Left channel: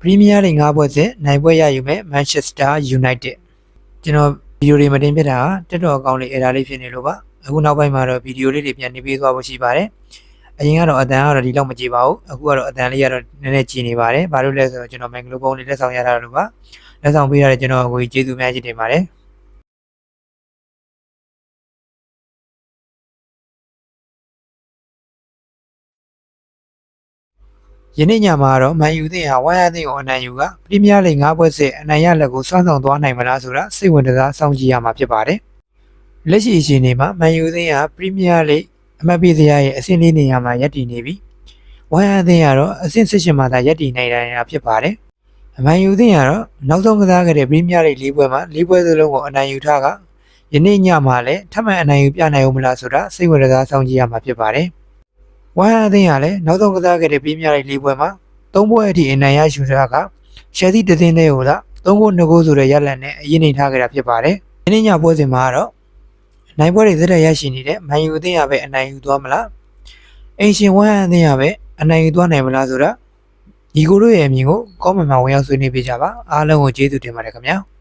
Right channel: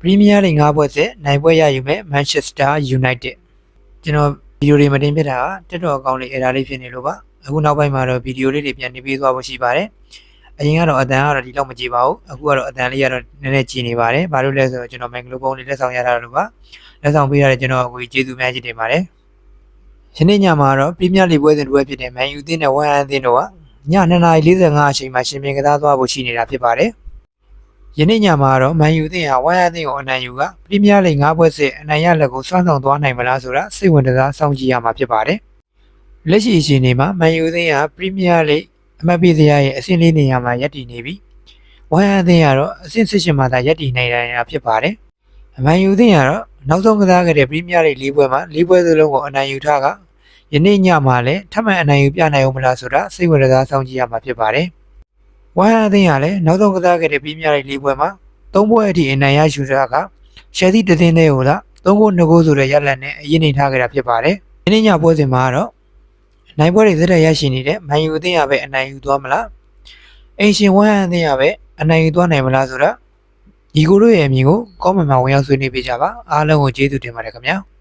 Premier League 5 ပွဲစစ်နိုင်ပွဲရယူမဲ့ Manchester United ကျွန်တော်ဗီဒီယိုတွေမတင်ပြတာတက်တော်အကောင့်လေး error လေးဖြစ်နေလို့ပါအခုနောက်ပိုင်းမှာတော့ဗီဒီယိုလေးတွေပြန်နေပေးသွားဖို့ရှိပါတယ်အရင်ကတော့အတန်ကတော့ဒီလောက်မကြည့်ပါဘူးအခုကတော့အတန်လေးကတော့နည်းနည်းကြည့်နေပါတယ်ဘာလို့လဲဆိုတော့ကျွန်တော် microphone လေးလက်ဆောင်ရတာလို့ပါလက်ဆောင်ပေးရတဲ့ကျွန်တော်ကိုကျေးဇူးများကြီးတင်ပါတယ်ယနေ့ညမှာတော့ Premier League ပွဲစဉ်တစ်ပွဲဖြစ်တဲ့ Man U အသင်းနဲ့ West Ham အသင်းတို့ကည2:45အချိန်မှာရှင်ပြန်ကစားသွားဖို့ရှိနေတာဖြစ်ပါတယ်ယနေ့ညမှာတော့ Man U အသင်းဟာ West Ham အသင်းကိုအနိုင်ယူက Premier League 5 ပွဲစစ်အနိုင်ရလက်ကိုစွမ်းဆောင်သွားနိုင်မလားဆိုတာစိတ်ဝင်စားစောင့်ကြည့်ရမှာဖြစ်ပါတယ်လက်ရှိအချိန်ဒီမှာ Man U အသင်းဟာ Premier League အမှတ်ပေးစရာရဲ့အဆင့်၄နေရာမှာရပ်တည်နေပြီး West Ham အသင်းကတော့အဆင့်18မှာသာရပ်တည်နေတာဖြစ်ပါတယ်Man U အသင်းကတော့နောက်ဆုံးကစားခဲ့တဲ့ Premier League ၄ ပွဲမှာ၄ပွဲစလုံးကိုအနိုင်ယူထားကယနေ့ညမှာလည်းထပ်မံအနိုင်ယူပြနိုင်ဦးမလားဆိုတာစိတ်ဝင်စားစောင့်ကြည့်ရမှာဖြစ်ပါတယ်ဝမ်အသင်းကလည်းနောက်ဆုံးကစားခဲ့တဲ့ပရီးမီးယားလိဂ်၄ပွဲမှာ၃ပွဲအထိအနိုင်ရယူထားကရှယ်ဆီတသင်းနဲ့ဟိုလား၃ဂိုး၂ဂိုးဆိုတဲ့ရလဒ်နဲ့အရင်နေထားခဲ့တာဖြစ်ပါတယ်။ဒီနေ့ညပွဲစဉ်မှာတော့နိုင်ပွဲတွေဇက်တက်ရရှိနေတဲ့မန်ယူအသင်းကပဲအနိုင်ယူသွားမလား။အိမ်ရှင်ဝမ်အသင်းကပဲအနိုင်ယူသွားနိုင်မလားဆိုတော့ညီကိုတို့ရဲ့အမြင်ကိုကောမန့်မှာဝင်ရောက်ဆွေးနွေးပေးကြပါအားလုံးကိုကျေးဇူးတင်ပါတယ်ခင်ဗျာ။